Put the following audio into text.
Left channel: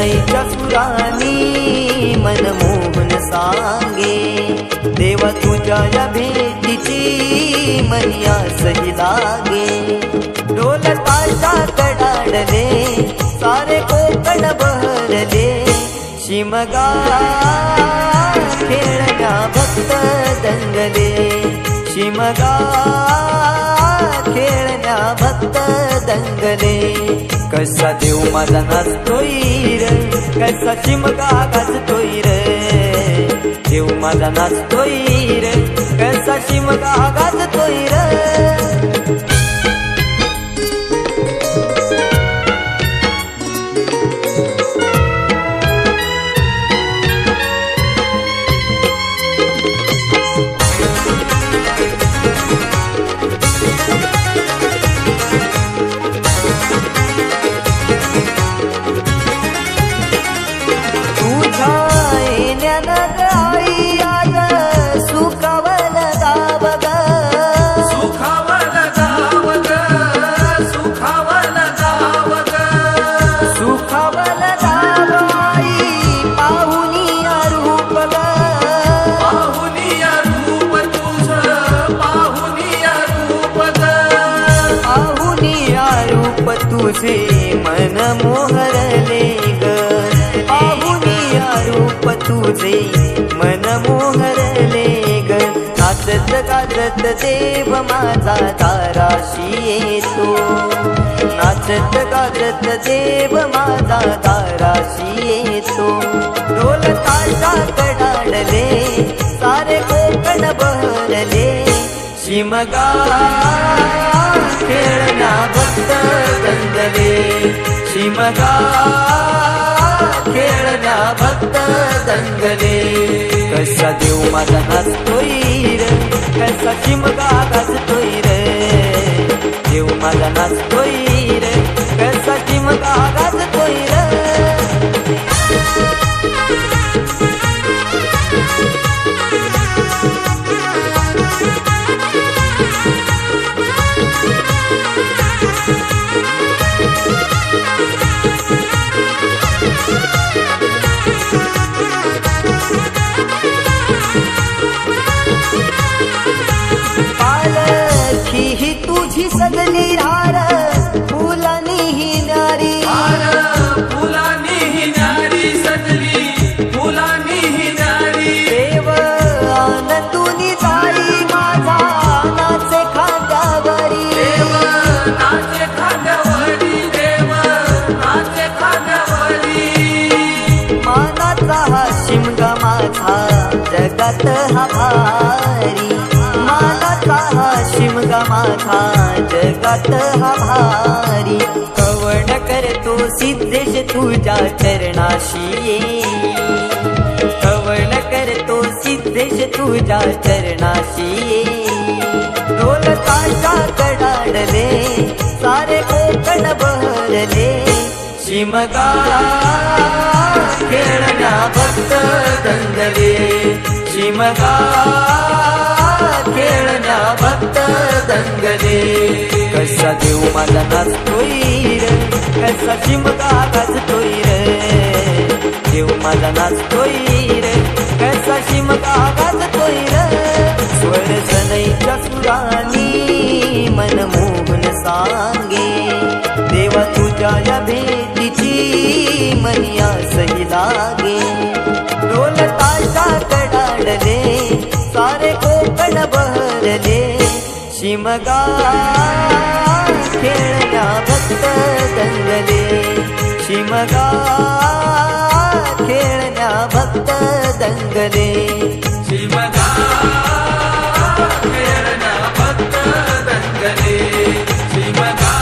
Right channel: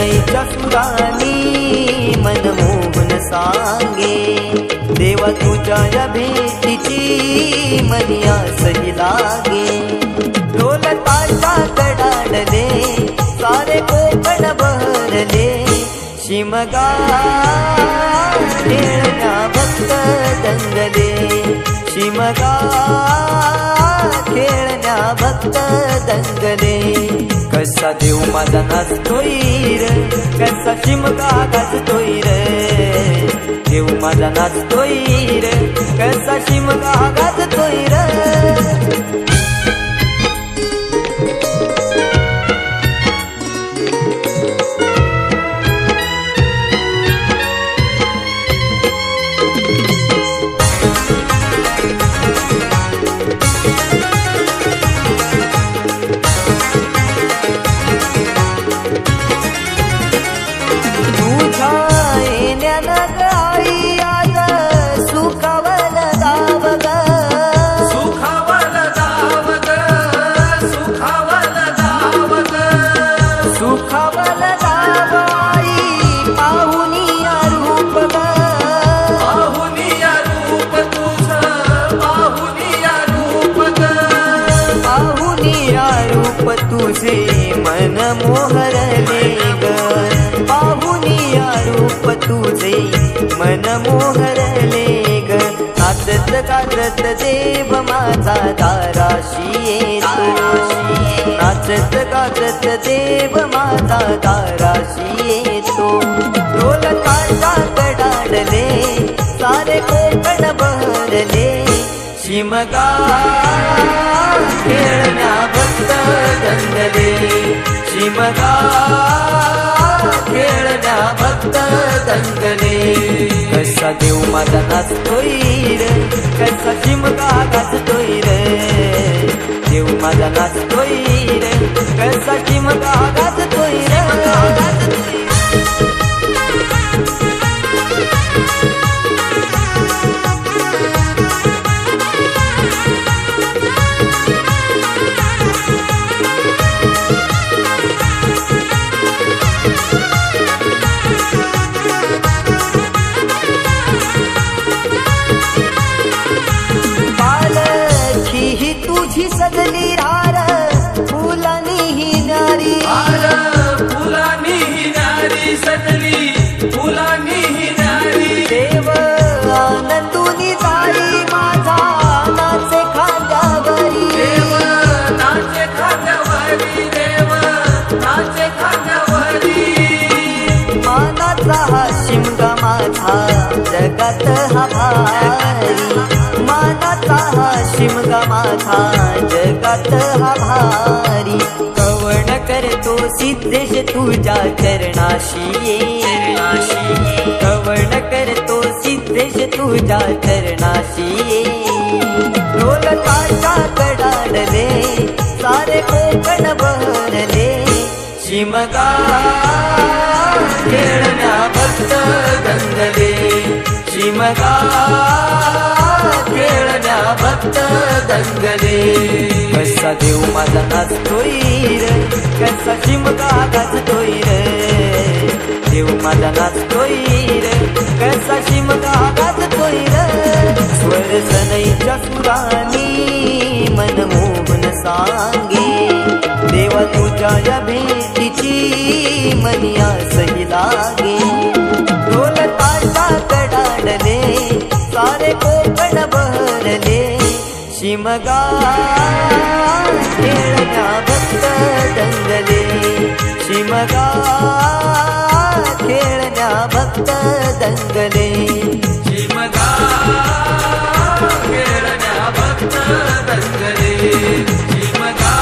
सनईच्या सुरानी मनमोहन सांगे, देवा तुझ्या या भेटीची मनी आसही लागे। ढोल ताशा कडाडले सारे कोकण बहरले, शिमगा खेळण्या भक्त दंगले, शिमगा खेळण्या भक्त दंगले। कसा देव माझा नाचतोय रे, कसा शिमगा गाजतोय रे, देव माझा नाचतोय रे, कसा शिमगा गाजतोय रे। आई आज सुखावल गाव ग, सुखावल गाव ग, सुखावल गाव ग, सुखावल गाव आई पाहुनिया रूप ग, पाहुनिया रूप तुझ, पाहुनिया रूप ग, पाहुनिया रूप तुझे मन मोहरले ग, पाहुनिया रूप तुझे मन मोहरले ग। नाचत गाजत देव माझा दाराशी येतो, नाचत गाजत देव माझा दाराशी येतो। ढोल ताशा कडाडले सारे कोकण बहरले, शिमगा खेळण्या भक्त दंगले, शिमगा खेळण्या भक्त दंगले। कसा देव माझा नाचतोय रे, कसा शिमगा गाजतोय रे, देव माझा नाचतोय रे, कसा शिमगा गाजतोय रे। पालखी ही तुझी सजली रार, फुलानी ही न्यारी, फुलानी ही न्यारी सजली, फुलानी ही न्यारी। देव आनंदुनी जाई माझा नाचे खांद्यावरी, देव नाचे खांद्यावरी, देव नाचे खांद्यावरी। मानाचा हा शिमगा माझा जगात हा भारी, मानाचा हा शिमगा माझा जगात हा भारी। कवण करतो सिद्धेश तुझ्या चरणाशी ये, कवण करतो सिद्धेश तुझ्या चरणाशी ये। ढोल ताशा कडाडले सारे कोकण बहरले, शिमगा खेळण्या भक्त दंगले, शिमगा खेळण्या भक्त दंगले। कसा देव माझा नाचतोय रे, कसा शिमगा गाजतोय रे, देव माझा नाचतोय रे, कसा शिमगा गाजतोय रे। स्वर सनईच्या सुरानी मनमोहन सांगे, देवा तुझ्या या भेटीची मनी आसही लागे। ढोल ताशा कडाडले सारे कोकण बहरले, शिमगा खेळण्या भक्त दंगले, शिमगा खेळण्या भक्त दंगले, शिमगा खेळण्या भक्त दंगले, शिमगा